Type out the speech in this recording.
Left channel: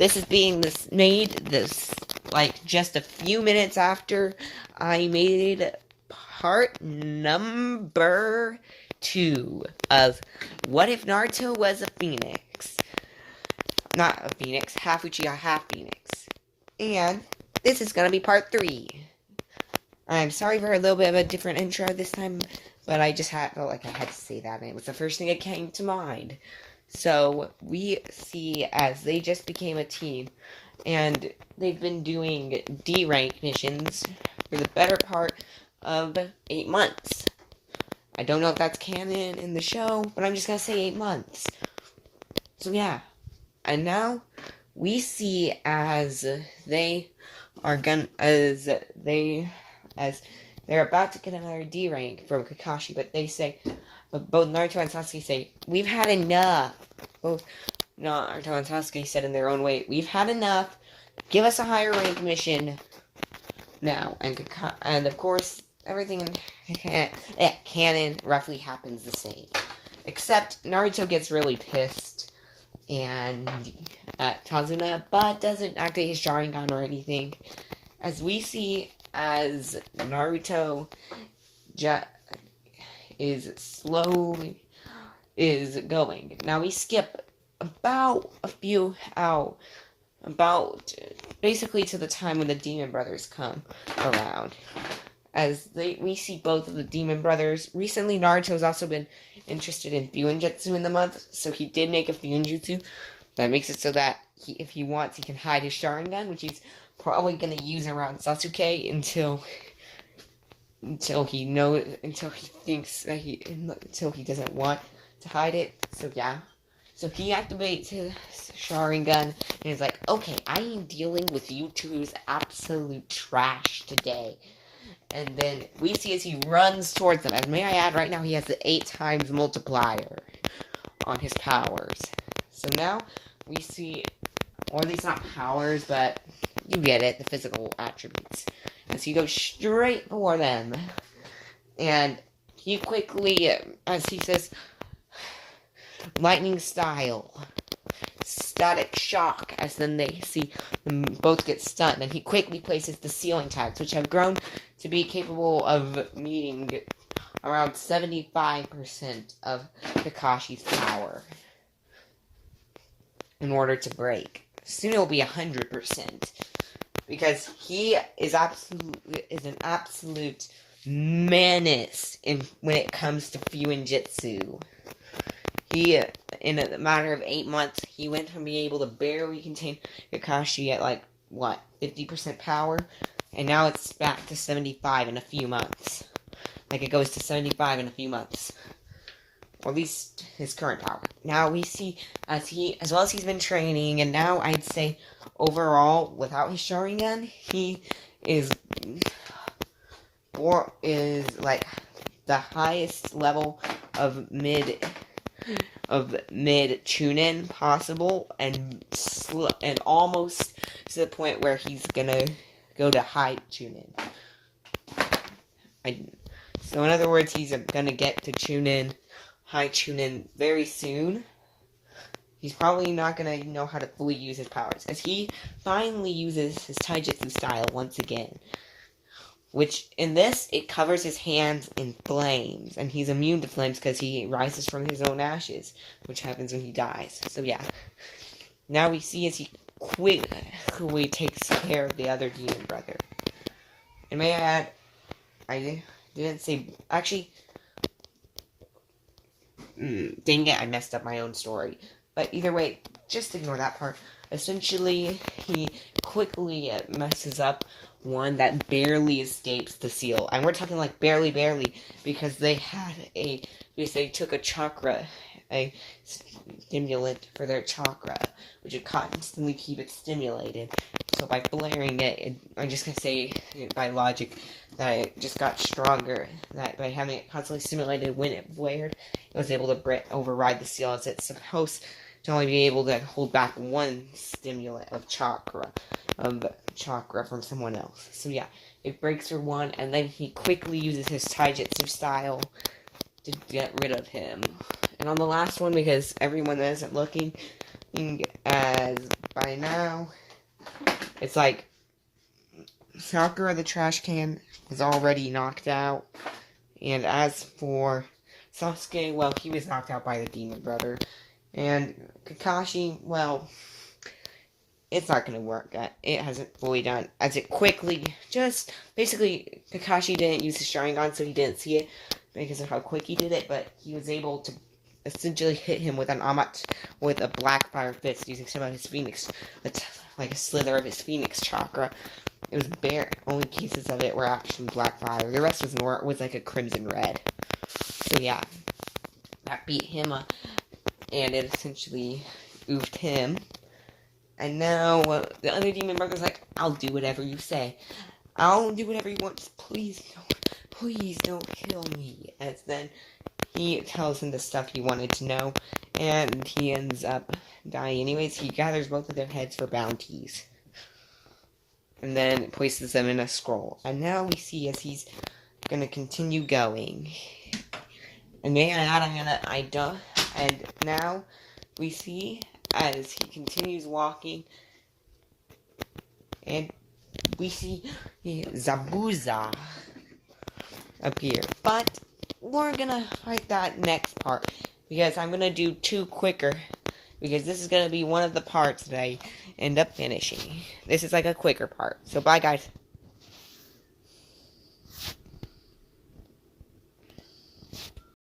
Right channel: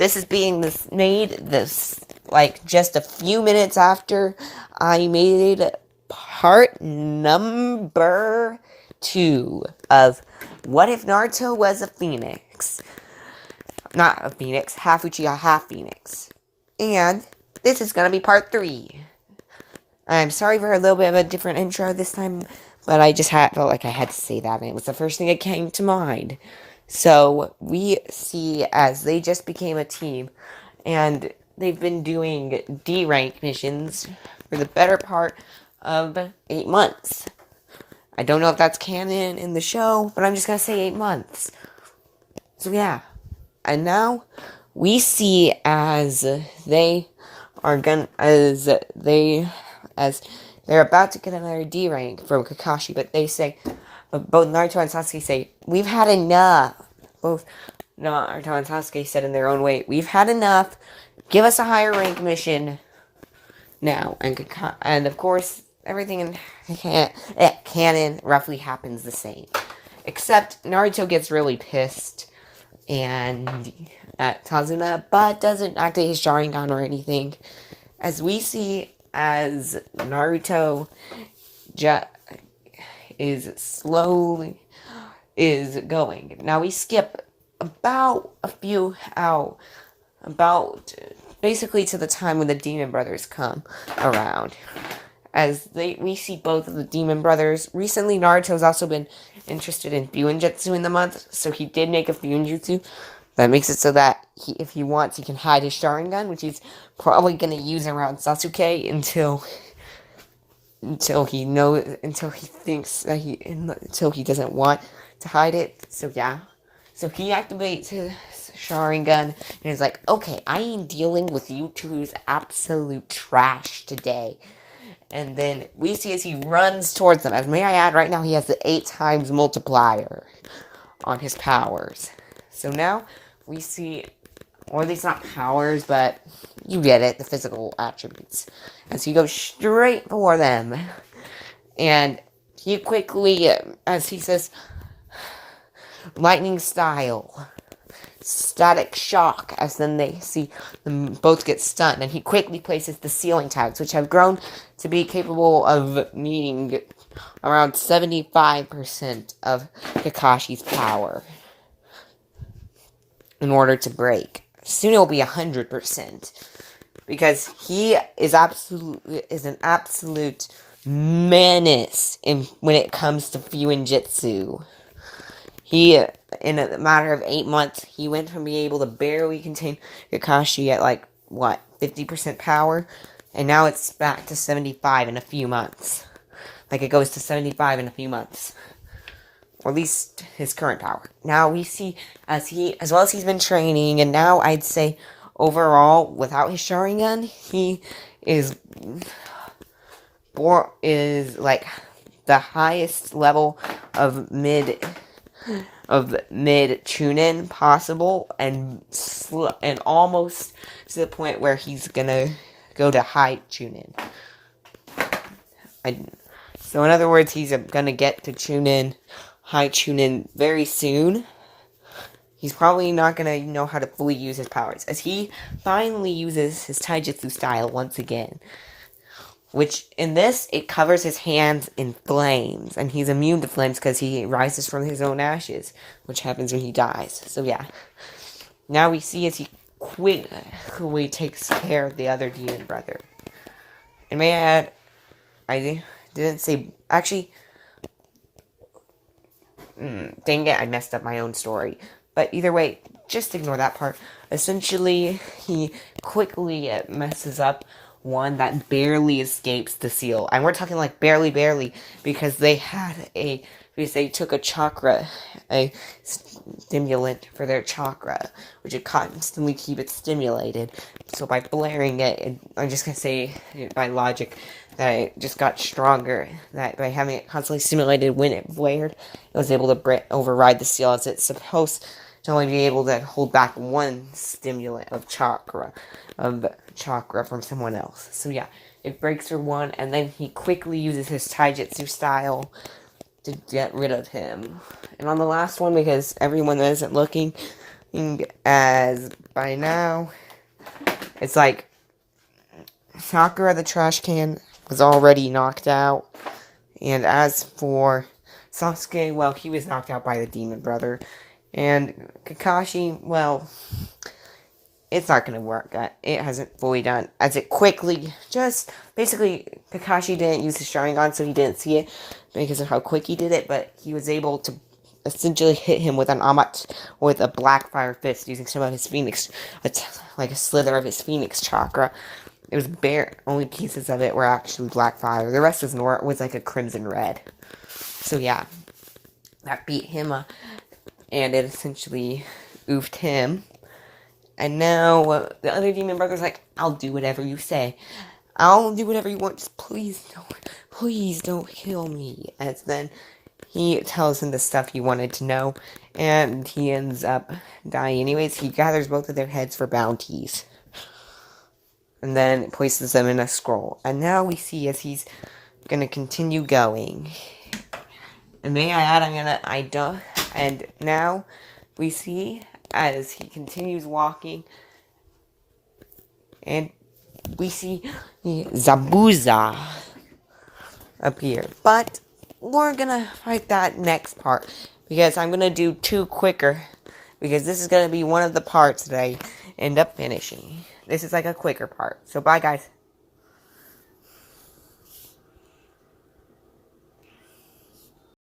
This is being made like just a few minutes after I made part number 2 of What If Naruto Was a Phoenix? Not a phoenix, half Uchiha, half phoenix. And this is gonna be part 3. I'm sorry for a little bit of a different intro this time, but I just felt like I had to say that, and it was the first thing that came to mind. So, we see as they just became a team, and they've been doing D-rank missions for the better part of 8 months. I don't know if that's canon in the show, but I'm just gonna say 8 months. So yeah. And now, we see as they're about to get another D rank from Kakashi, but they say, both Naruto and Sasuke say, we've had enough. Both Naruto and Sasuke said in their own way, we've had enough. Give us a higher rank mission now. And of course, everything in canon roughly happens the same. Except Naruto gets really pissed and at Kazuna, but doesn't activate his Sharingan or anything. As we see as Naruto is going. Now we skip about basically to the time when the Demon Brothers come around. As we see both of the Demon Brothers. Recently, Naruto's also been interested in Fuinjutsu in the month, so he did make a Fuinjutsu. That makes it so that if he wants, he can hide his Sharingan, which he's probably going to use around Sasuke until he doesn't want to hide it. So yeah. So he activates his Sharingan and is like, okay, I am dealing with you two's absolute trash today. And then we see as he runs towards them. As may I add, right now he has the 8 times multiplier on his powers. So now we see, or at least not powers, but you get it, the physical attributes. As he goes straight for them. And he quickly, as he says, lightning style, static shock, as then they see them both get stunned, and he quickly places the ceiling tags, which have grown to be capable of meeting around 75% of Kakashi's power in order to break. Soon it will be 100%, because he is an absolute menace when it comes to Fuinjutsu. He, in a matter of 8 months, he went from being able to barely contain Kakashi at 50% power, and now it's back to 75 in a few months. It goes to 75 in a few months. Or at least his current power. Now we see, as well as he's been training, and now I'd say, overall, without his Sharingan, he is the highest level of mid Chunin possible, and almost to the point where he's gonna go to high Chunin. So in other words, he's gonna get to high Chunin very soon. He's probably not gonna know how to fully use his powers, as he finally uses his taijutsu style once again. Which, in this, it covers his hands in flames. And he's immune to flames because he rises from his own ashes. Which happens when he dies. So, yeah. Now we see as he quickly takes care of the other demon brother. And may I add, I didn't say... Actually... dang it, I messed up my own story. But either way, just ignore that part. Essentially, he quickly messes up one that barely escapes the seal. And we're talking barely, because they took a stimulant for their chakra, which would constantly keep it stimulated. So by blaring it, I'm just gonna say, by logic, that it just got stronger. That by having it constantly stimulated when it blared, it was able to override the seal, as it's supposed to only be able to hold back one stimulant of chakra from someone else. So yeah, it breaks for one, and then he quickly uses his taijutsu style to get rid of him. And on the last one, because everyone isn't looking, as by now, it's like Sakura the trash can was already knocked out. And as for Sasuke, well, he was knocked out by the demon brother. And Kakashi, well, it's not going to work. It hasn't fully done. As it quickly, just basically, Kakashi didn't use his Sharingan, so he didn't see it because of how quick he did it. But he was able to essentially hit him with an with a black fire fist using some of his Phoenix, like a slither of his Phoenix chakra. It was bare. Only pieces of it were actually black fire. The rest was like a crimson red. So yeah, that beat him up, and it essentially oofed him. And now the other demon brother's like, I'll do whatever you say. I'll do whatever you want. Just please don't kill me. And then he tells him the stuff he wanted to know, and he ends up dying anyways. He gathers both of their heads for bounties, and then places them in a scroll. And now we see as he's gonna continue going. And may I add, and now we see as he continues walking, and we see Zabuza appear. But we're gonna fight that next part, because I'm gonna do two quicker, because this is gonna be one of the parts that I end up finishing. This is like a quicker part. So bye guys.